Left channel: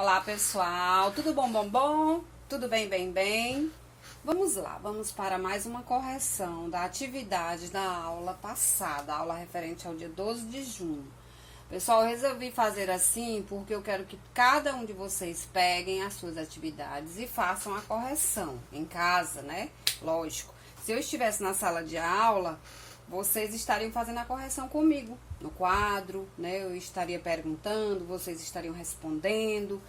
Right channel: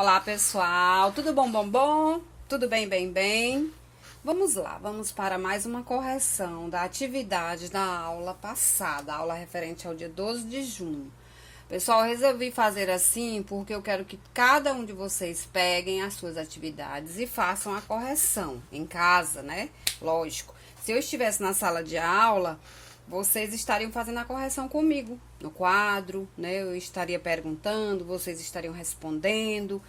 Olá, pessoal, tudo bom, bom, bom? Tudo bem, bem, bem? Vamos lá, vamos para mais uma correção da atividade da aula passada, a aula referente ao dia 12 de junho. Pessoal, eu resolvi fazer assim porque eu quero que cada um de vocês peguem as suas atividades e façam a correção em casa, né? Lógico, se eu estivesse na sala de aula, vocês estariam fazendo a correção comigo no quadro, né? Eu estaria perguntando, vocês estariam respondendo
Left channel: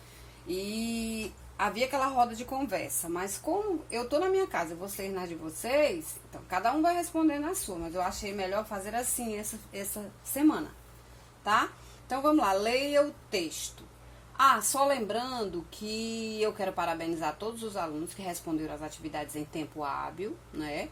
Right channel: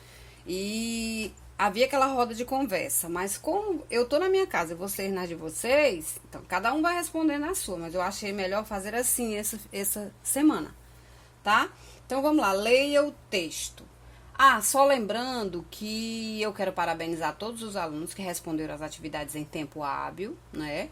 e havia aquela roda de conversa. Mas como eu tô na minha casa e vocês na de vocês, então cada um vai responder na sua. Mas eu achei melhor fazer assim essa semana, tá? Então vamos lá, leia o texto. Ah, só lembrando que eu quero parabenizar todos os alunos que responderam as atividades em tempo hábil, né?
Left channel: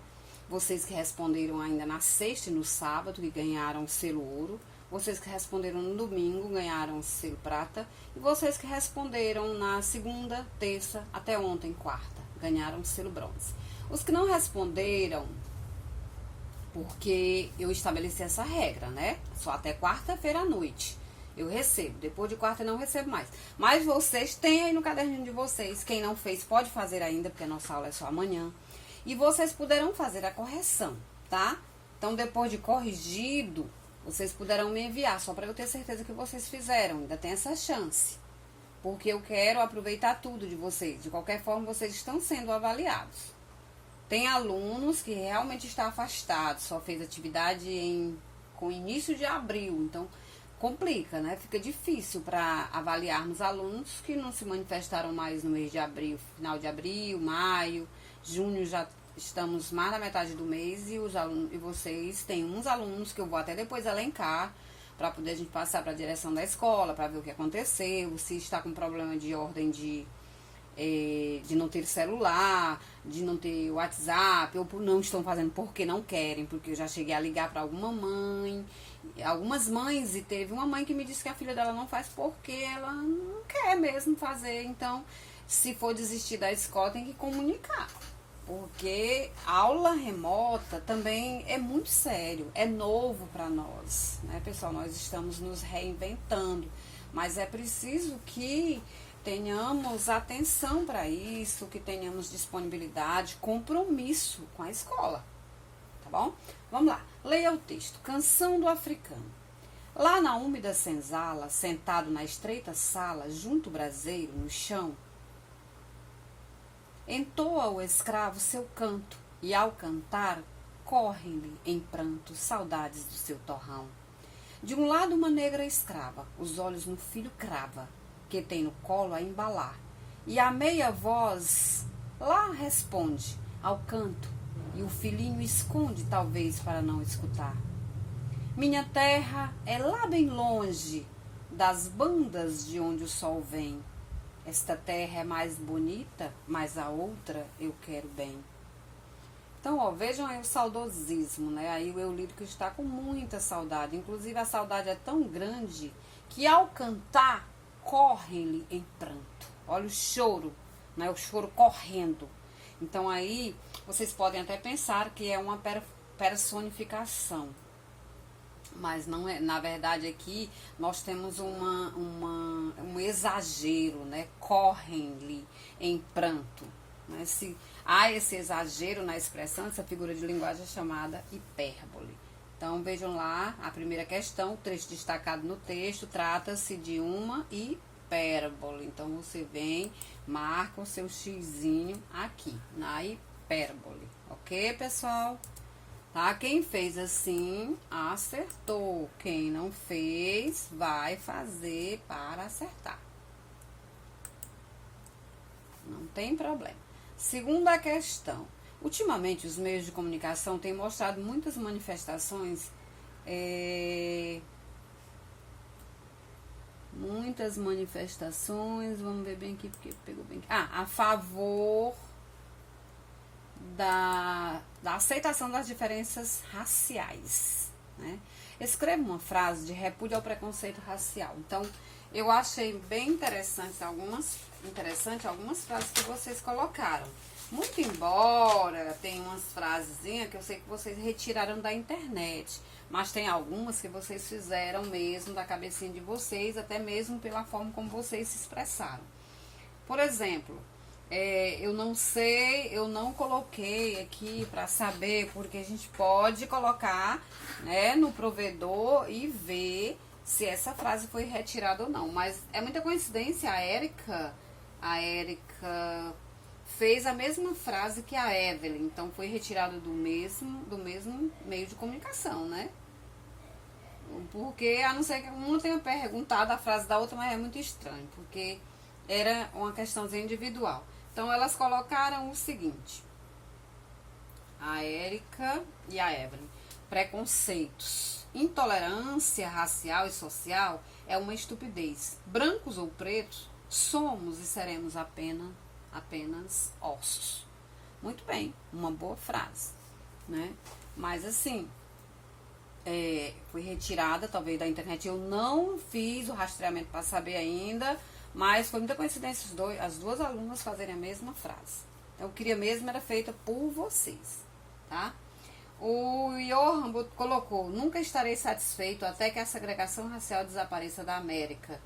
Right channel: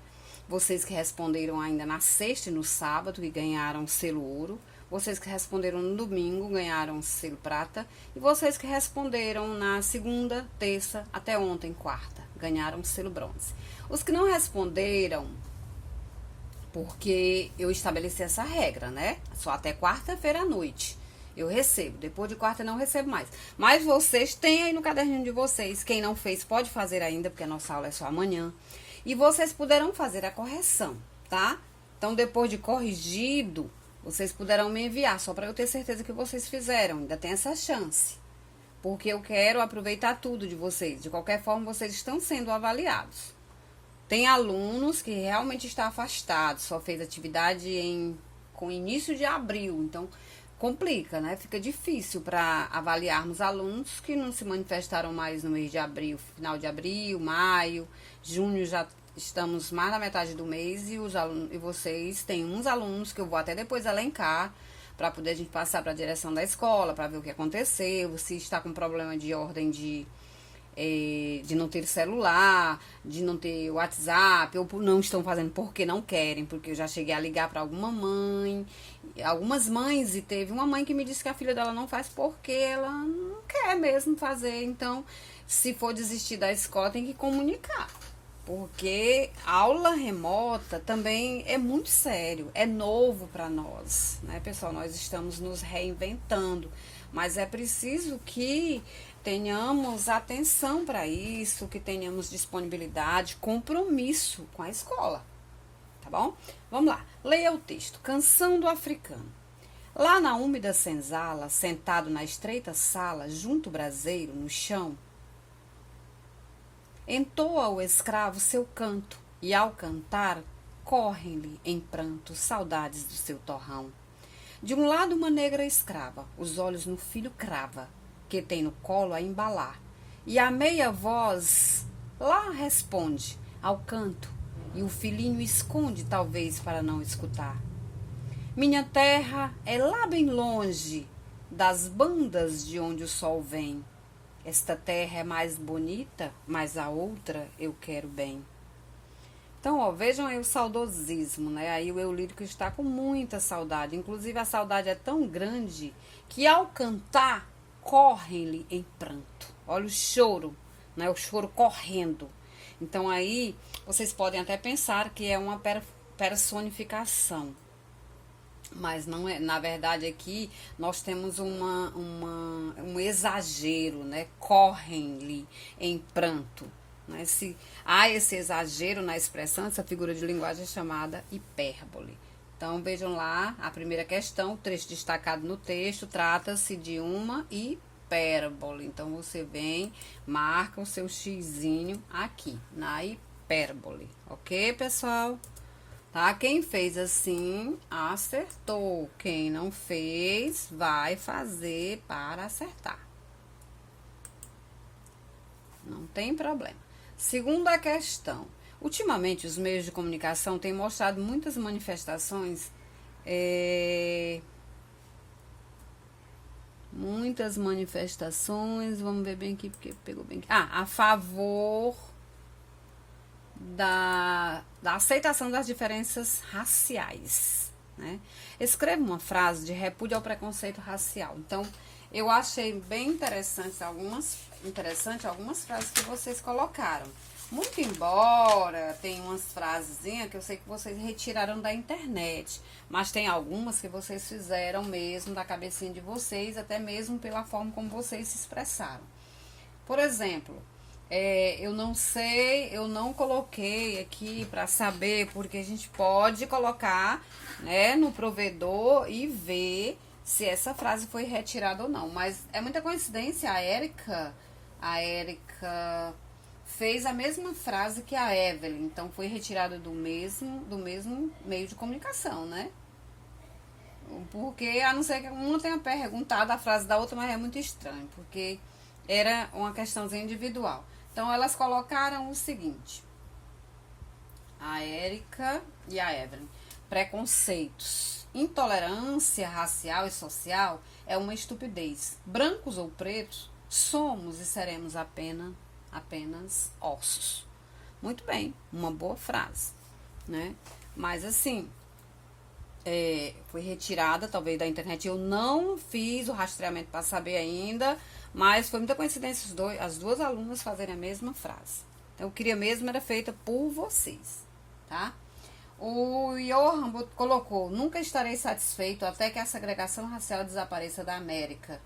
Vocês que responderam ainda na sexta e no sábado e ganharam selo ouro. Vocês que responderam no domingo ganharam selo prata. E vocês que responderam na segunda, terça, até ontem, quarta, ganharam selo bronze. Os que não responderam, porque eu estabeleci essa regra, né? Só até quarta-feira à noite eu recebo. Depois de quarta eu não recebo mais. Mas vocês têm aí no caderninho de vocês. Quem não fez pode fazer ainda, porque a nossa aula é só amanhã. E vocês poderão fazer a correção, tá? Então, depois de corrigido, vocês poderão me enviar, só para eu ter certeza que vocês fizeram. Ainda tem essa chance. Porque eu quero aproveitar tudo de vocês. De qualquer forma, vocês estão sendo avaliados. Tem alunos que realmente estão afastados, só fez atividade com início de abril. Então, complica, né? Fica difícil para avaliarmos alunos que não se manifestaram mais no mês de abril, final de abril, maio, junho já estamos mais na metade do mês e os alunos e vocês têm uns alunos que eu vou até depois elencar para poder a gente passar para a direção da escola para ver o que aconteceu, se está com problema de ordem de não ter celular, de não ter WhatsApp, ou não estão fazendo porque não querem, porque eu já cheguei a ligar para algumas mães, e teve uma mãe que me disse que a filha dela não faz porque ela não quer mesmo fazer. Então, se for desistir da escola, tem que comunicar. Porque aula remota também é muito sério, é novo para nós, né, pessoal? Nós estamos nos reinventando, mas é preciso que tenhamos atenção para isso, que tenhamos disponibilidade, compromisso com a escola, tá bom? Vamos lá, leia o texto. Canção do Africano. Lá na úmida senzala, sentado na estreita sala, junto ao braseiro, no chão, entoa o escravo seu canto, e ao cantar, correm-lhe em pranto saudades do seu torrão. De um lado uma negra escrava, os olhos no filho crava, que tem no colo a embalar, e a meia voz lá responde ao canto, e o filhinho esconde talvez para não escutar. Minha terra é lá bem longe das bandas de onde o sol vem. Esta terra é mais bonita, mas a outra eu quero bem. Então, ó, vejam aí o saudosismo, né? Aí o eu lírico está com muita saudade. Inclusive, a saudade é tão grande que ao cantar, correm-lhe em pranto. Olha o choro, né? O choro correndo. Então, aí, vocês podem até pensar que é uma personificação. Mas não é, na verdade aqui nós temos um exagero, né? Correm-lhe em pranto. Né? Se há esse exagero na expressão, essa figura de linguagem é chamada hipérbole. Então vejam lá a primeira questão, o trecho destacado no texto, trata-se de uma hipérbole. Então você vem, marca o seu xizinho aqui, na hipérbole. Ok, pessoal? Tá? Quem fez assim, acertou. Quem não fez, vai fazer para acertar. Não tem problema. Segunda questão. Ultimamente, os meios de comunicação têm mostrado muitas manifestações, vamos ver bem aqui, porque pegou bem aqui. A favor da aceitação das diferenças raciais, né? Escreva uma frase de repúdio ao preconceito racial. Então, eu achei bem interessante algumas frases que vocês colocaram. Muito embora tem umas frasezinhas que eu sei que vocês retiraram da internet, mas tem algumas que vocês fizeram mesmo da cabecinha de vocês, até mesmo pela forma como vocês se expressaram. Por exemplo, eu não sei, eu não coloquei aqui para saber, porque a gente pode colocar, né, no provedor e ver se essa frase foi retirada ou não. Mas é muita coincidência, a Érica fez a mesma frase que a Evelyn, então foi retirada do mesmo meio de comunicação, né? Porque, a não ser que uma tenha perguntado a frase da outra, mas é muito estranho, porque era uma questãozinha individual. Então, elas colocaram o seguinte, a Érica e a Evelyn: preconceitos, intolerância racial e social é uma estupidez. Brancos ou pretos, somos e seremos apenas ossos. Muito bem, uma boa frase, né? Mas assim, foi retirada talvez da internet. Eu não fiz o rastreamento para saber ainda, mas foi muita coincidência as duas alunas fazerem a mesma frase. Então, eu queria mesmo era feita por vocês, tá? O Johan colocou: nunca estarei satisfeito até que a segregação racial desapareça da América.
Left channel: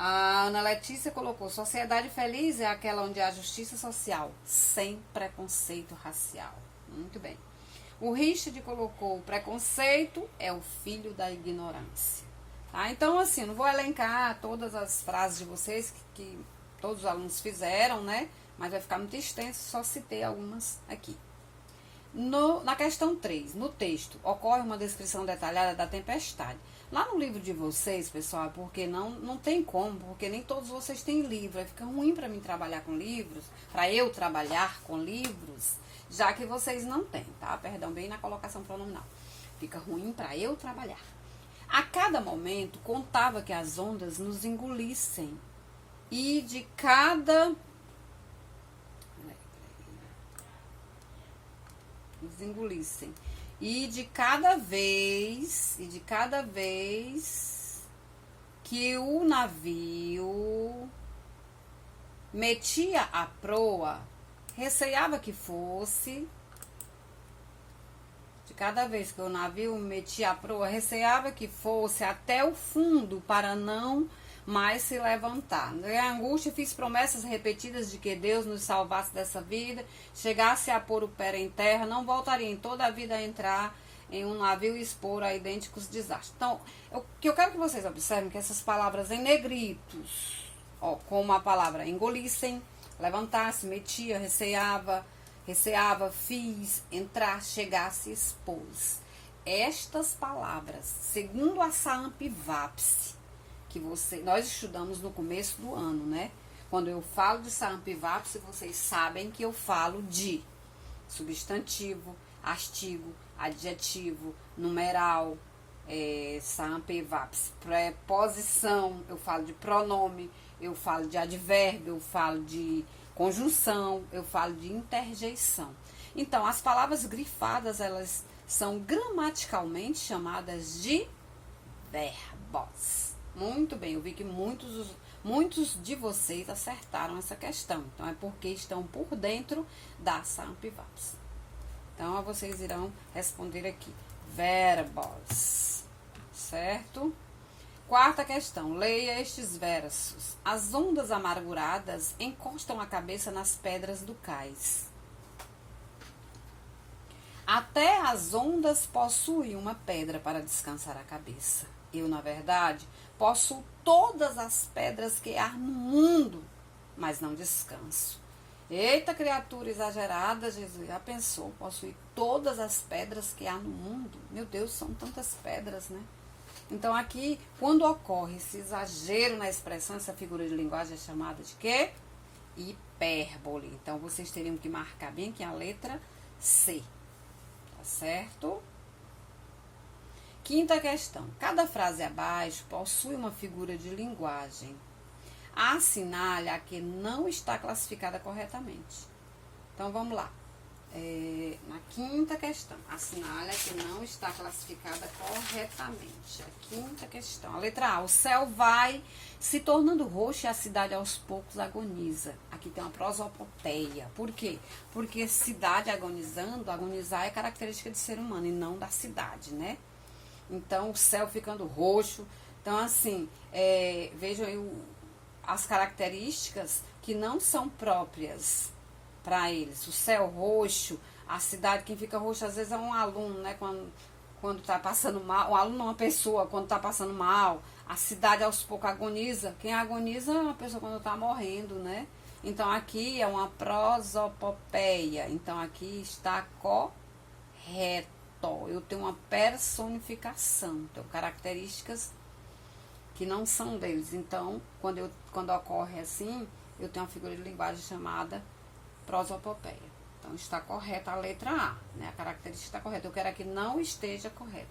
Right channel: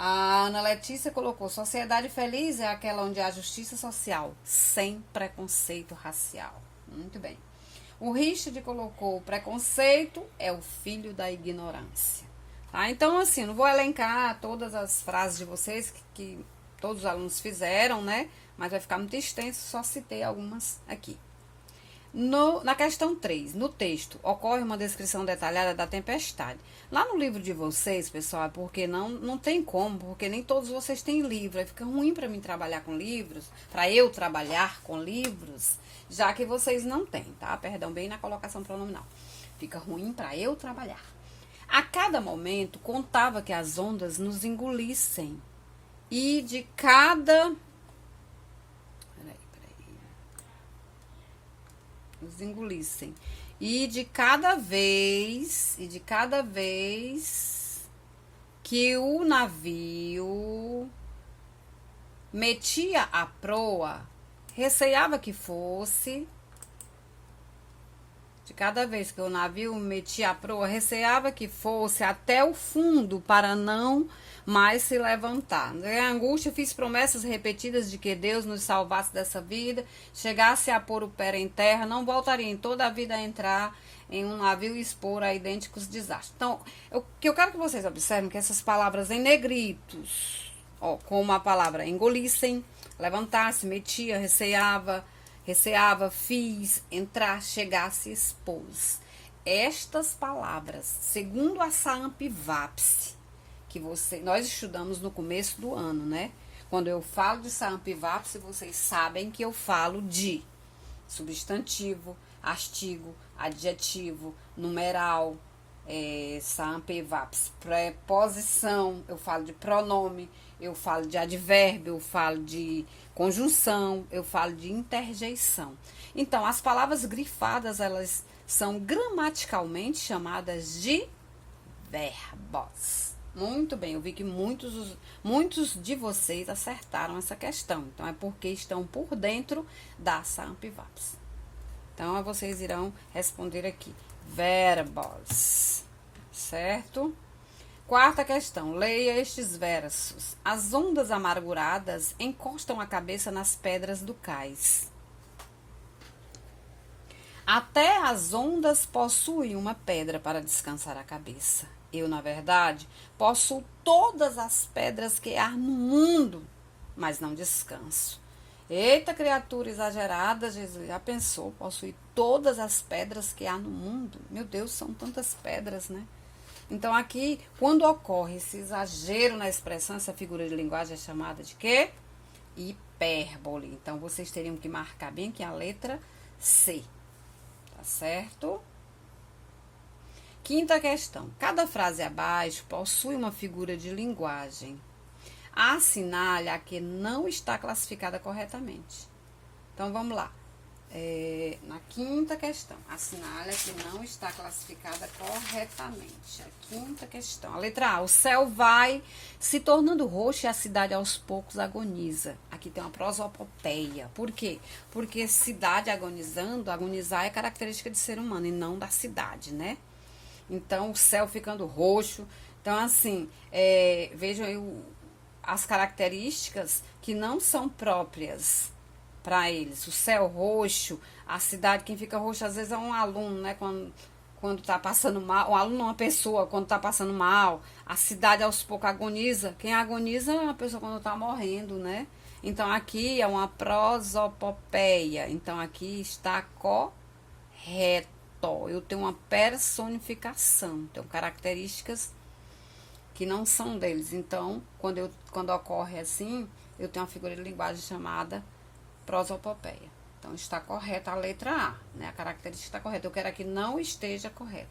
A Ana Letícia colocou: sociedade feliz é aquela onde há justiça social, sem preconceito racial. Muito bem. O Richard colocou: preconceito é o filho da ignorância. Tá? Então, assim, não vou elencar todas as frases de vocês que todos os alunos fizeram, né? Mas vai ficar muito extenso, só citei algumas aqui. Na questão 3, no texto, ocorre uma descrição detalhada da tempestade. Lá no livro de vocês, pessoal, é porque não tem como, porque nem todos vocês têm livro. Aí fica ruim para mim trabalhar com livros, para eu trabalhar com livros, já que vocês não têm, tá? Perdão, bem na colocação pronominal. Fica ruim para eu trabalhar. A cada momento, contava que as ondas nos engolissem. E de cada... Nos engolissem. E de cada vez que o navio metia a proa, receava que fosse... De cada vez que o navio metia a proa, receava que fosse até o fundo para não mais se levantar. Em angústia, fiz promessas repetidas de que Deus nos salvasse dessa vida, chegasse a pôr o pé em terra, não voltaria em toda a vida a entrar em um navio e expor a idênticos desastres. Então, o que eu quero que vocês observem que essas palavras em negritos, como a palavra engolissem, levantasse, metia, receava, fiz, entrar, chegasse, expôs. Estas palavras, segundo a Saamp-Vapse, que nós estudamos no começo do ano, né? Quando eu falo de Saamp-Vapse, vocês sabem que eu falo de substantivo, artigo, adjetivo, numeral, Saamp-Vapse, preposição, eu falo de pronome, eu falo de advérbio, eu falo de conjunção, eu falo de interjeição. Então, as palavras grifadas, elas são gramaticalmente chamadas de verbos. Muito bem, eu vi que muitos de vocês acertaram essa questão. Então, é porque estão por dentro da Saamp-Vapse. Então, vocês irão responder aqui. Verbos. Certo? Quarta questão. Leia estes versos. As ondas amarguradas encostam a cabeça nas pedras do cais. Até as ondas possuem uma pedra para descansar a cabeça. Eu, na verdade, possuo todas as pedras que há no mundo, mas não descanso. Eita, criatura exagerada, Jesus, já pensou? Possuir todas as pedras que há no mundo? Meu Deus, são tantas pedras, né? Então, aqui, quando ocorre esse exagero na expressão, essa figura de linguagem é chamada de quê? Hipérbole. Então, vocês teriam que marcar bem aqui a letra C. Tá certo? Quinta questão. Cada frase abaixo possui uma figura de linguagem. Assinale a que não está classificada corretamente. Então, vamos lá. Na quinta questão, assinale a que não está classificada corretamente. A quinta questão. A letra A, o céu vai se tornando roxo e a cidade aos poucos agoniza. Aqui tem uma prosopopeia. Por quê? Porque cidade agonizando, agonizar é característica de ser humano e não da cidade, né? Então, o céu ficando roxo. Então, assim, vejam aí as características que não são próprias para eles. O céu roxo, a cidade, quem fica roxo às vezes é um aluno, né? Quando tá passando mal, o aluno é uma pessoa quando tá passando mal, a cidade aos poucos agoniza. Quem agoniza é uma pessoa quando tá morrendo, né? Então aqui é uma prosopopeia. Então aqui está correto. Eu tenho uma personificação, tenho características que não são deles. Então, quando ocorre assim, eu tenho uma figura de linguagem chamada prosopopeia. Então, está correta a letra A, né? A característica está correta. Eu quero que não esteja correta.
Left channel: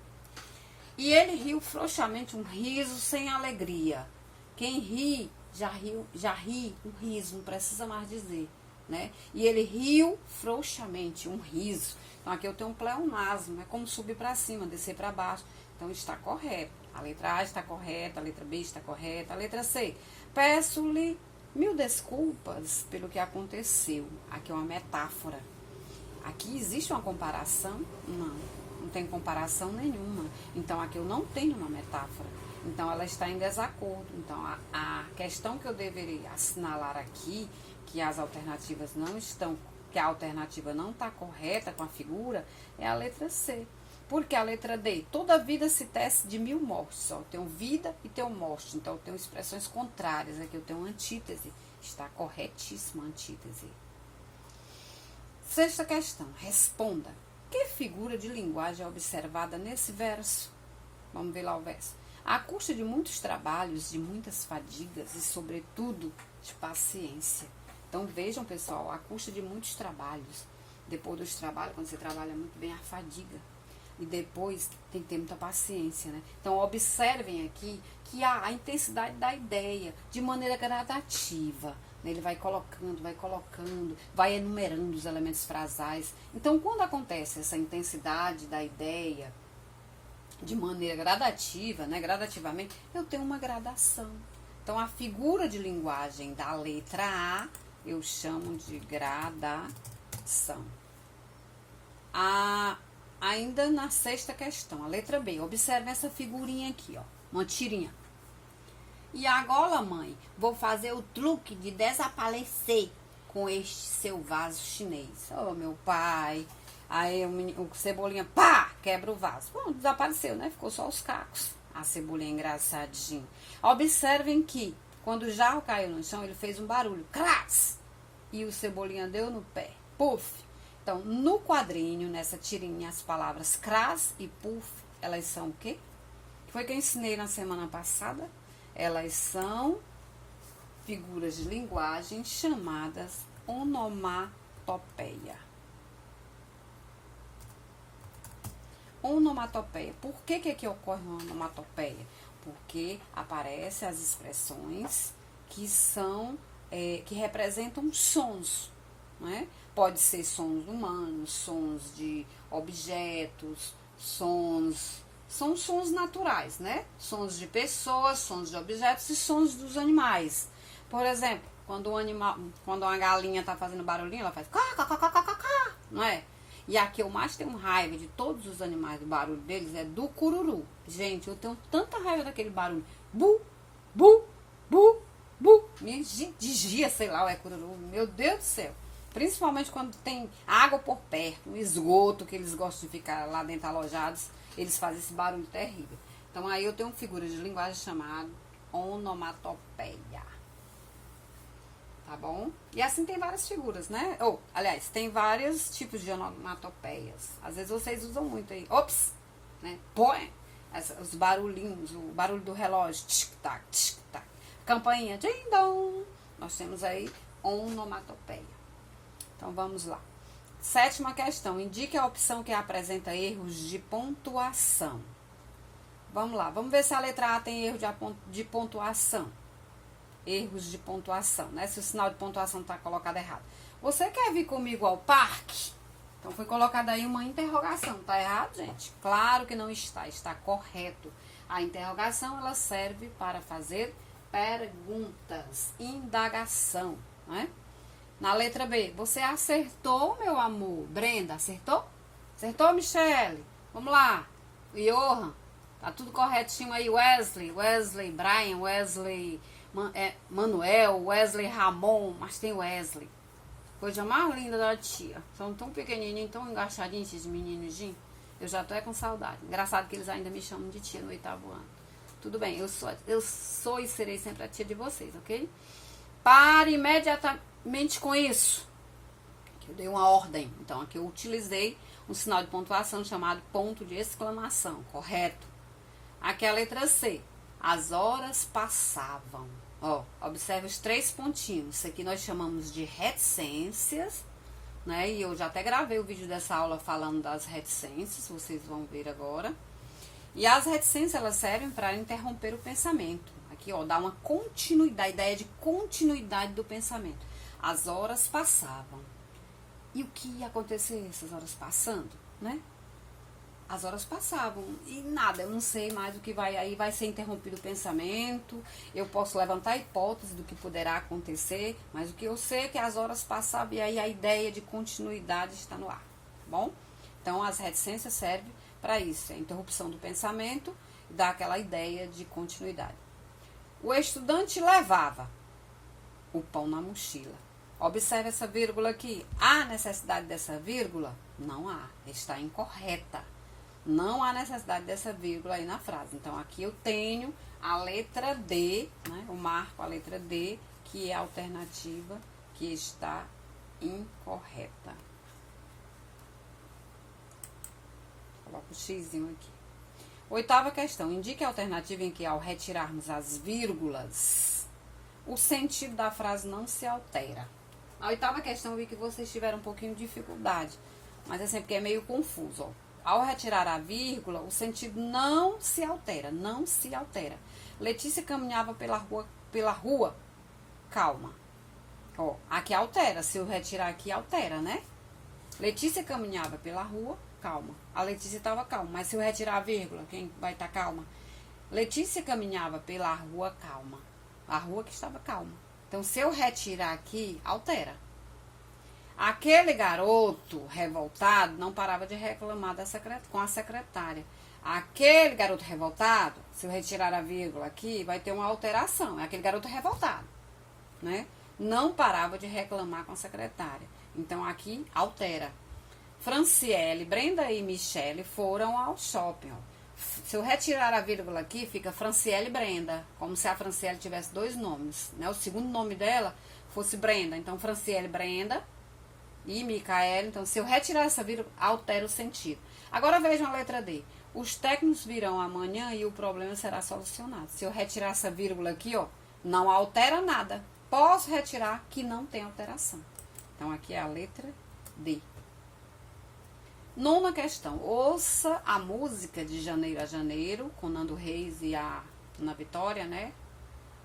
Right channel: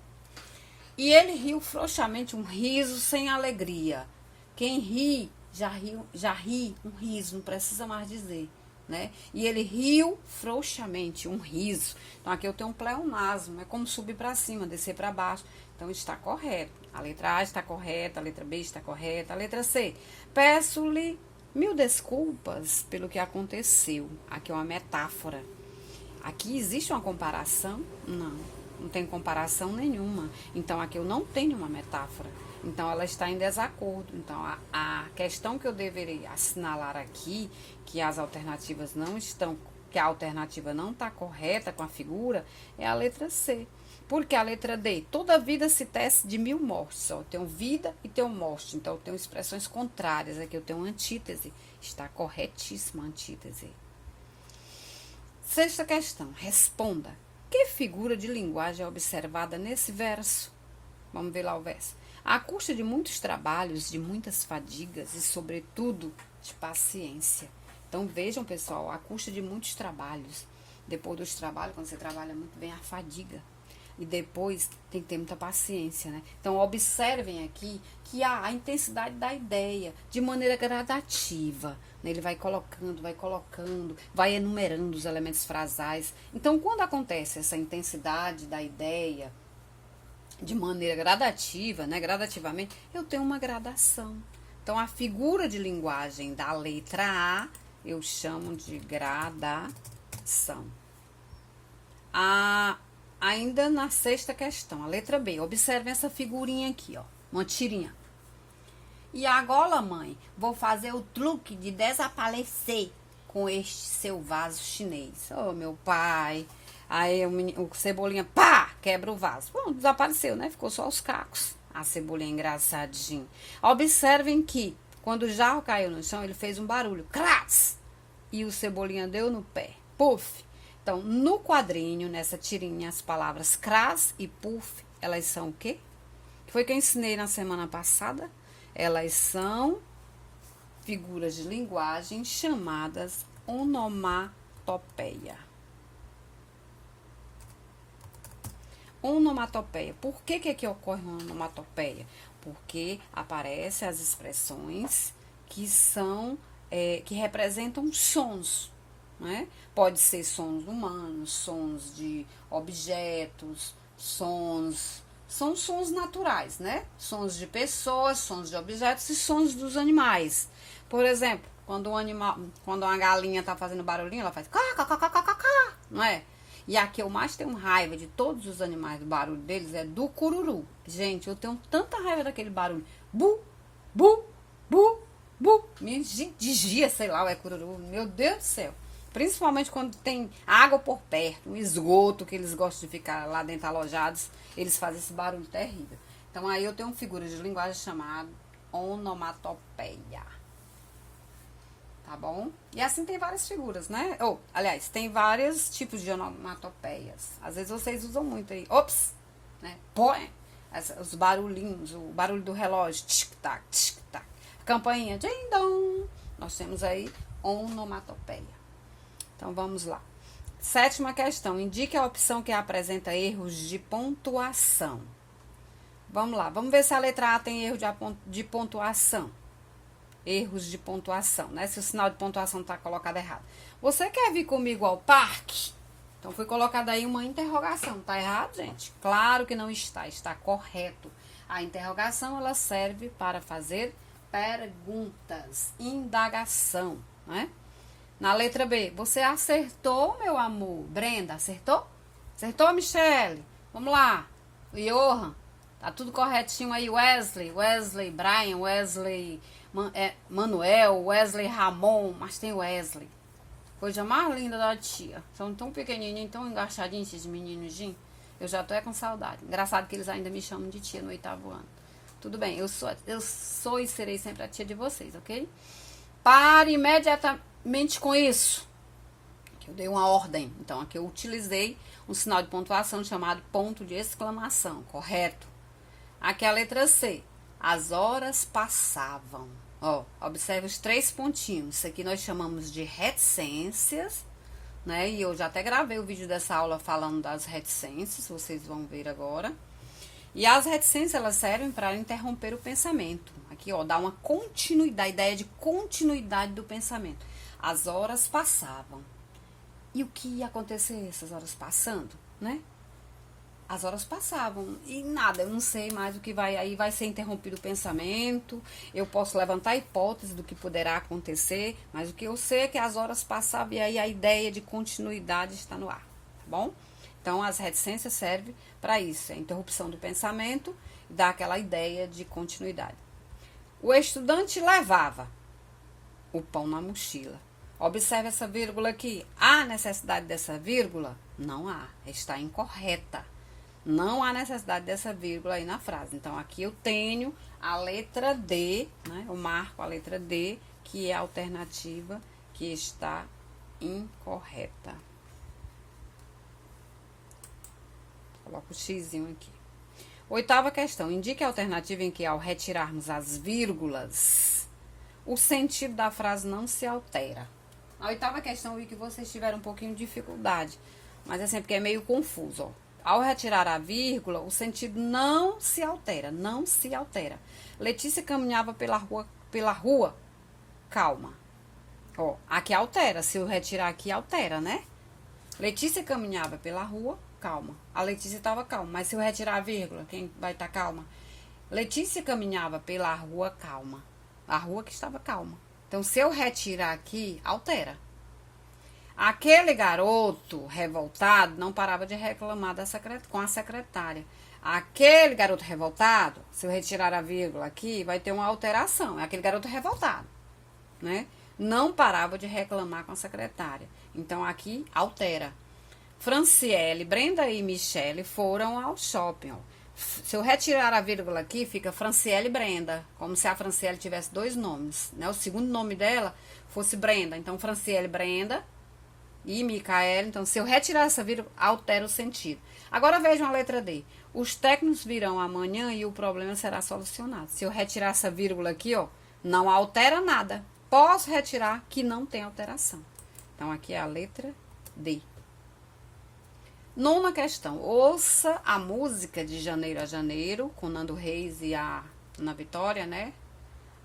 E ele riu frouxamente, um riso sem alegria. Quem ri, já ri um riso, não precisa mais dizer, né? E ele riu frouxamente, um riso. Então, aqui eu tenho um pleonasmo, é como subir para cima, descer para baixo. Então, está correto. A letra A está correta, a letra B está correta. A letra C, peço-lhe 1000 desculpas pelo que aconteceu. Aqui é uma metáfora. Aqui existe uma comparação? Não tem comparação nenhuma. Então, aqui eu não tenho uma metáfora. Então, ela está em desacordo. Então, a questão que eu deveria assinalar aqui, que as alternativas não estão, que a alternativa não está correta com a figura, é a letra C. Porque a letra D, toda vida se tece de 1000 mortes. Ó, eu tenho vida e tenho morte. Então, eu tenho expressões contrárias. Aqui eu tenho antítese. Está corretíssima a antítese. Sexta questão. Responda. Que figura de linguagem é observada nesse verso? Vamos ver lá o verso. À custa de muitos trabalhos, de muitas fadigas e, sobretudo, de paciência. Então, vejam, pessoal, à custa de muitos trabalhos. Depois dos trabalhos, quando você trabalha muito bem, a fadiga. E depois tem que ter muita paciência, né? Então, observem aqui que há a intensidade da ideia de maneira gradativa. Né? Ele vai colocando, vai enumerando os elementos frasais. Então, quando acontece essa intensidade da ideia de maneira gradativa, né? Gradativamente, eu tenho uma gradação. Então, a figura de linguagem da letra A, eu chamo de gradação. Ainda na sexta questão, a letra B. Observe essa figurinha aqui, ó. Uma tirinha. E agora, mãe, vou fazer o truque de desaparecer com este seu vaso chinês. Oh, meu pai. Aí o Cebolinha, pá, quebra o vaso. Bom, desapareceu, né? Ficou só os cacos. A Cebolinha engraçadinho. Observem que, quando o jarro caiu no chão, ele fez um barulho. Clas! E o Cebolinha deu no pé. Puf! Então, no quadrinho, nessa tirinha, as palavras cras e puff, elas são o quê? Foi que eu ensinei na semana passada. Elas são figuras de linguagem chamadas onomatopeia. Onomatopeia. Por que ocorre uma onomatopeia? Porque aparecem as expressões que são, que representam sons, né? Pode ser sons humanos, sons de objetos, sons... São sons naturais, né? Sons de pessoas, sons de objetos e sons dos animais. Por exemplo, quando uma galinha tá fazendo barulhinho, ela faz cá, não é? E a que eu mais tenho raiva de todos os animais, do barulho deles, é do cururu. Gente, eu tenho tanta raiva daquele barulho. Bu, bu, bu, bu. Me digia, sei lá, é cururu. Meu Deus do céu. Principalmente quando tem água por perto, um esgoto, que eles gostam de ficar lá dentro alojados, eles fazem esse barulho terrível. Então, aí eu tenho uma figura de linguagem chamada onomatopeia. Tá bom? E assim tem várias figuras, né? Aliás, tem vários tipos de onomatopeias. Às vezes vocês usam muito aí. Ops! Né? Põe os barulhinhos, o barulho do relógio. Tic-tac, tic-tac. Campainha, ding-dong. Nós temos aí onomatopeia. Então, vamos lá. Sétima questão. Indique a opção que apresenta erros de pontuação. Vamos lá. Vamos ver se a letra A tem erro de pontuação. Erros de pontuação, né? Se o sinal de pontuação está colocado errado. Você quer vir comigo ao parque? Então, foi colocada aí uma interrogação. Tá errado, gente? Claro que não está. Está correto. A interrogação, ela serve para fazer perguntas, indagação, né? Na letra B, você acertou, meu amor? Brenda, acertou? Acertou, Michele? Vamos lá. Johan, tá tudo corretinho aí. Wesley, Brian, Wesley, Manuel, Wesley Ramon, mas tem Wesley. Coisa mais linda da tia. São tão pequenininhos, tão engaixadinhos esses meninos. Eu já tô com saudade. Engraçado que eles ainda me chamam de tia no 8º ano. Tudo bem, eu sou e serei sempre a tia de vocês, ok? Pare imediatamente com isso. Eu dei uma ordem. Então, aqui eu utilizei um sinal de pontuação chamado ponto de exclamação, correto? Aqui a letra C. As horas passavam. Ó, observe os 3 pontinhos. Isso aqui nós chamamos de reticências, né? E eu já até gravei o vídeo dessa aula falando das reticências, vocês vão ver agora. E as reticências, elas servem para interromper o pensamento. Aqui, ó, dá uma continuidade, a ideia de continuidade do pensamento. As horas passavam. E o que ia acontecer essas horas passando, né? As horas passavam e nada, eu não sei mais o que vai, aí vai ser interrompido o pensamento, eu posso levantar hipótese do que poderá acontecer, mas o que eu sei é que as horas passavam e aí a ideia de continuidade está no ar, tá bom? Então, as reticências servem para isso, a interrupção do pensamento, dá aquela ideia de continuidade. O estudante levava o pão na mochila. Observe essa vírgula aqui. Há necessidade dessa vírgula? Não há, está incorreta. Não há necessidade dessa vírgula aí na frase. Então, aqui eu tenho a letra D, né? Eu marco a letra D, que é a alternativa que está incorreta. Coloco o xizinho aqui. 8ª questão. Indique a alternativa em que, ao retirarmos as vírgulas, o sentido da frase não se altera. A 8ª questão eu vi que vocês tiveram um pouquinho de dificuldade, mas é sempre que é meio confuso, ó. Ao retirar a vírgula, o sentido não se altera, não se altera. Letícia caminhava pela rua, calma. Ó, aqui altera, se eu retirar aqui, altera, né? Letícia caminhava pela rua, calma. A Letícia estava calma, mas se eu retirar a vírgula, quem vai estar calma? Letícia caminhava pela rua, calma. A rua que estava calma. Então, se eu retirar aqui, altera. Aquele garoto revoltado não parava de reclamar com a secretária. Aquele garoto revoltado, se eu retirar a vírgula aqui, vai ter uma alteração. É aquele garoto revoltado, né? Não parava de reclamar com a secretária. Então, aqui, altera. Franciele, Brenda e Michele foram ao shopping. Se eu retirar a vírgula aqui, fica Franciele e Brenda. Como se a Franciele tivesse 2 nomes, né? O segundo nome dela fosse Brenda. Então, Franciele e Brenda e Micaela. Então, se eu retirar essa vírgula, altera o sentido. Agora, vejam a letra D. Os técnicos virão amanhã e o problema será solucionado. Se eu retirar essa vírgula aqui, ó, não altera nada. Posso retirar que não tem alteração. Então, aqui é a letra D. 9ª questão. Ouça a música de Janeiro a Janeiro, com Nando Reis e a Ana Vitória, né?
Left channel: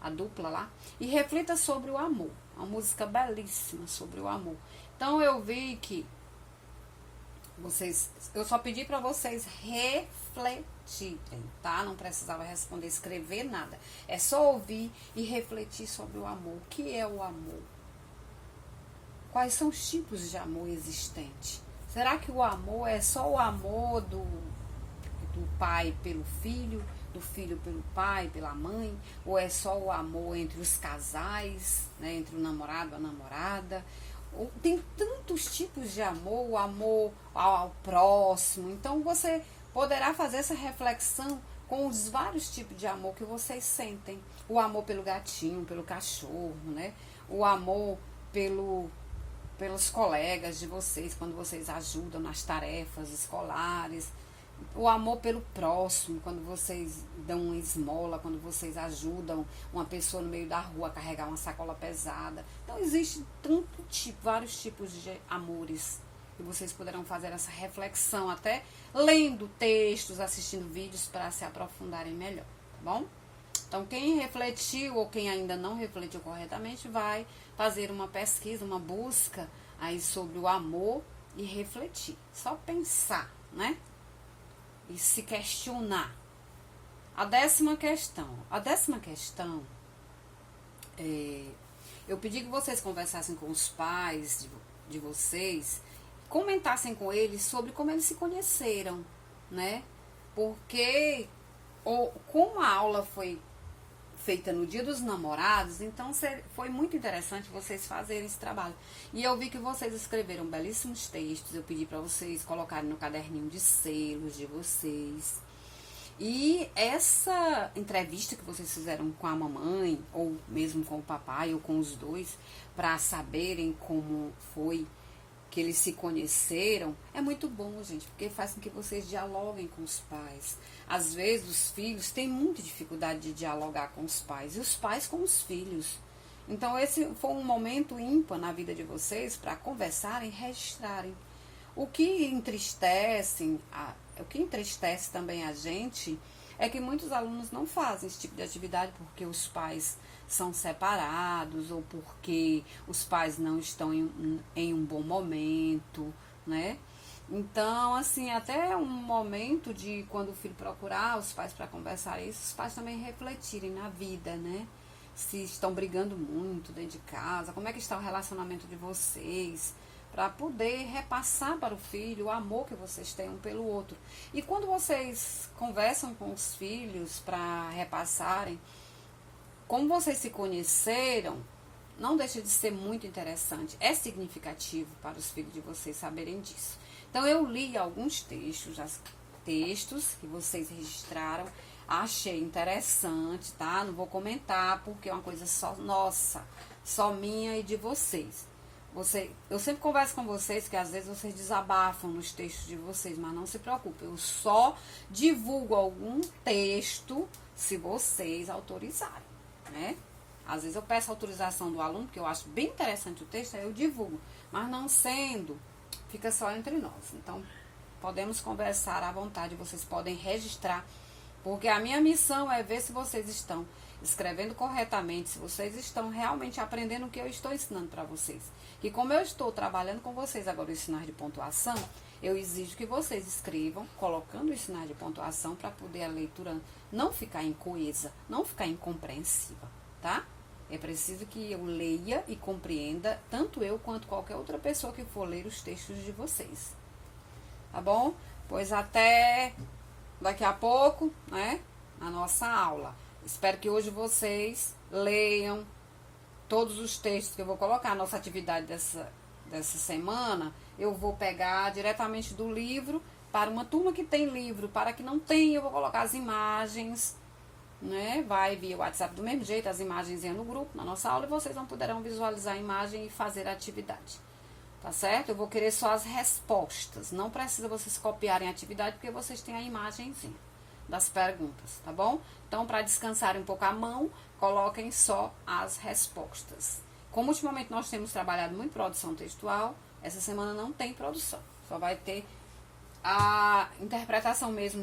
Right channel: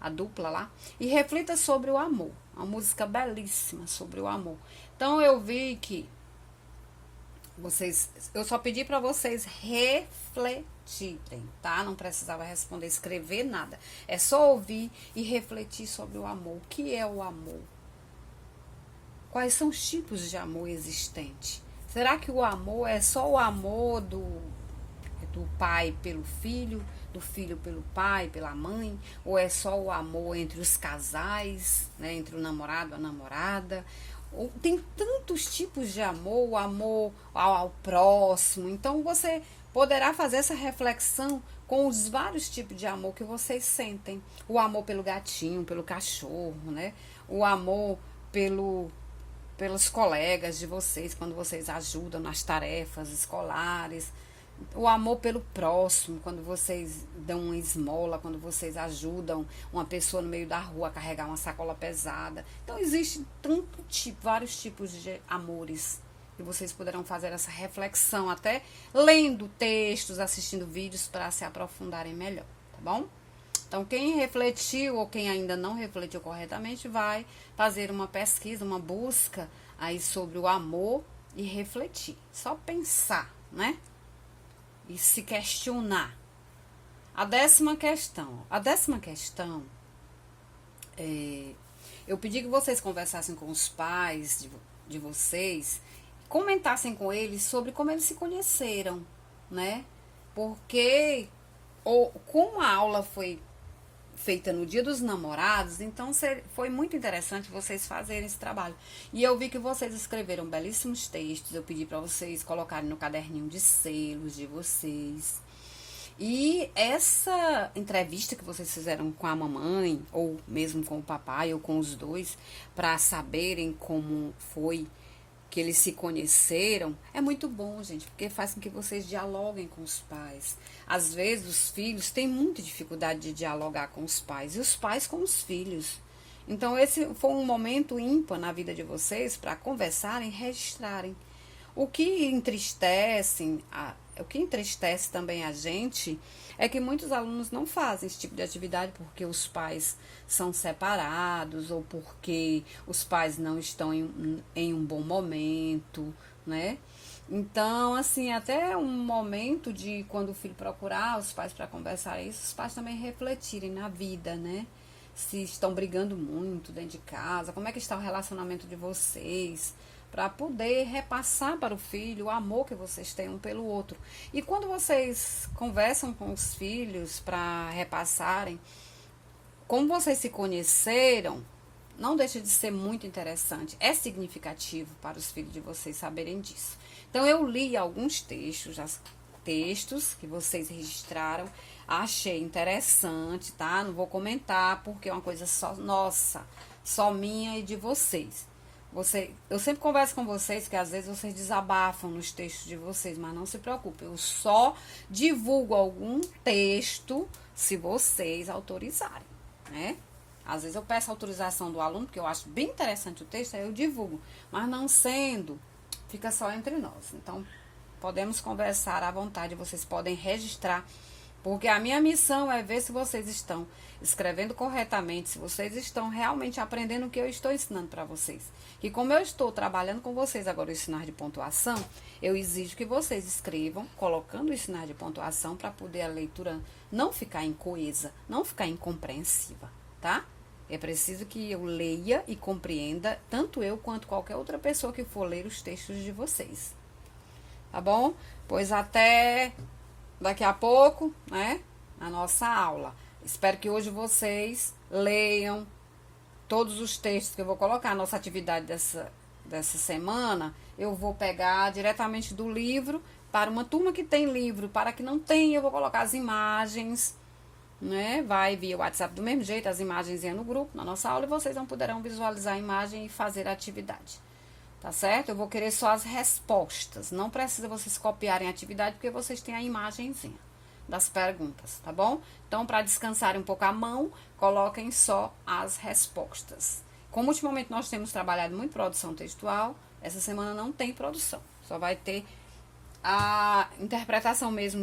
A dupla lá. E reflita sobre o amor. Uma música belíssima sobre o amor. Então, eu vi que eu só pedi para vocês refletirem, tá? Não precisava responder, escrever nada. É só ouvir e refletir sobre o amor. O que é o amor? Quais são os tipos de amor existentes? Será que o amor é só o amor do pai pelo filho, do filho pelo pai, pela mãe? Ou é só o amor entre os casais, né? Entre o namorado e a namorada? Tem tantos tipos de amor, o amor ao próximo. Então, você poderá fazer essa reflexão com os vários tipos de amor que vocês sentem. O amor pelo gatinho, pelo cachorro, né? O amor pelos colegas de vocês, quando vocês ajudam nas tarefas escolares. O amor pelo próximo, quando vocês dão uma esmola, quando vocês ajudam uma pessoa no meio da rua a carregar uma sacola pesada. Então, existe vários tipos de amores. E vocês poderão fazer essa reflexão até lendo textos, assistindo vídeos para se aprofundarem melhor, tá bom? Então, quem refletiu ou quem ainda não refletiu corretamente vai fazer uma pesquisa, uma busca aí sobre o amor, e refletir, só pensar, né? E se questionar. A décima questão, eu pedi que vocês conversassem com os pais de vocês, comentassem com eles sobre como eles se conheceram, né? Porque como a aula foi feita no Dia dos Namorados, então foi muito interessante vocês fazerem esse trabalho. E eu vi que vocês escreveram belíssimos textos, eu pedi para vocês colocarem no caderninho de selos de vocês. E essa entrevista que vocês fizeram com a mamãe, ou mesmo com o papai, ou com os dois, para saberem como foi que eles se conheceram, é muito bom, gente, porque faz com que vocês dialoguem com os pais. Às vezes, os filhos têm muita dificuldade de dialogar com os pais, e os pais com os filhos. Então, esse foi um momento ímpar na vida de vocês para conversarem e registrarem. O que entristece também a gente é que muitos alunos não fazem esse tipo de atividade porque os pais são separados ou porque os pais não estão em um bom momento, né? Então, assim, até um momento de quando o filho procurar os pais para conversar isso, os pais também refletirem na vida, né? Se estão brigando muito dentro de casa, como é que está o relacionamento de vocês, para poder repassar para o filho o amor que vocês têm um pelo outro. E quando vocês conversam com os filhos para repassarem como vocês se conheceram, não deixa de ser muito interessante, é significativo para os filhos de vocês saberem disso. Então eu li alguns textos que vocês registraram, achei interessante, tá? Não vou comentar porque é uma coisa só nossa, só minha e de vocês. Eu sempre converso com vocês que às vezes vocês desabafam nos textos de vocês, mas não se preocupe, eu só divulgo algum texto se vocês autorizarem, né? Às vezes eu peço autorização do aluno, porque eu acho bem interessante o texto, aí eu divulgo, mas não sendo, fica só entre nós. Então, podemos conversar à vontade, vocês podem registrar, porque a minha missão é ver se vocês estão escrevendo corretamente, se vocês estão realmente aprendendo o que eu estou ensinando para vocês. E como eu estou trabalhando com vocês agora os sinais de pontuação, eu exijo que vocês escrevam, colocando os sinais de pontuação para poder a leitura não ficar incoesa, não ficar incompreensiva, tá? É preciso que eu leia e compreenda, tanto eu quanto qualquer outra pessoa que for ler os textos de vocês. Tá bom? Pois até daqui a pouco, né? Na nossa aula. Espero que hoje vocês leiam todos os textos que eu vou colocar. A nossa atividade dessa semana, eu vou pegar diretamente do livro para uma turma que tem livro. Para que não tenha, eu vou colocar as imagens, né? Vai via WhatsApp do mesmo jeito, as imagens no grupo, na nossa aula, e vocês não poderão visualizar a imagem e fazer a atividade. Tá certo? Eu vou querer só as respostas. Não precisa vocês copiarem a atividade, porque vocês têm a imagenzinha das perguntas, tá bom? Então, para descansarem um pouco a mão, coloquem só as respostas. Como ultimamente nós temos trabalhado muito produção textual, essa semana não tem produção. Só vai ter a interpretação mesmo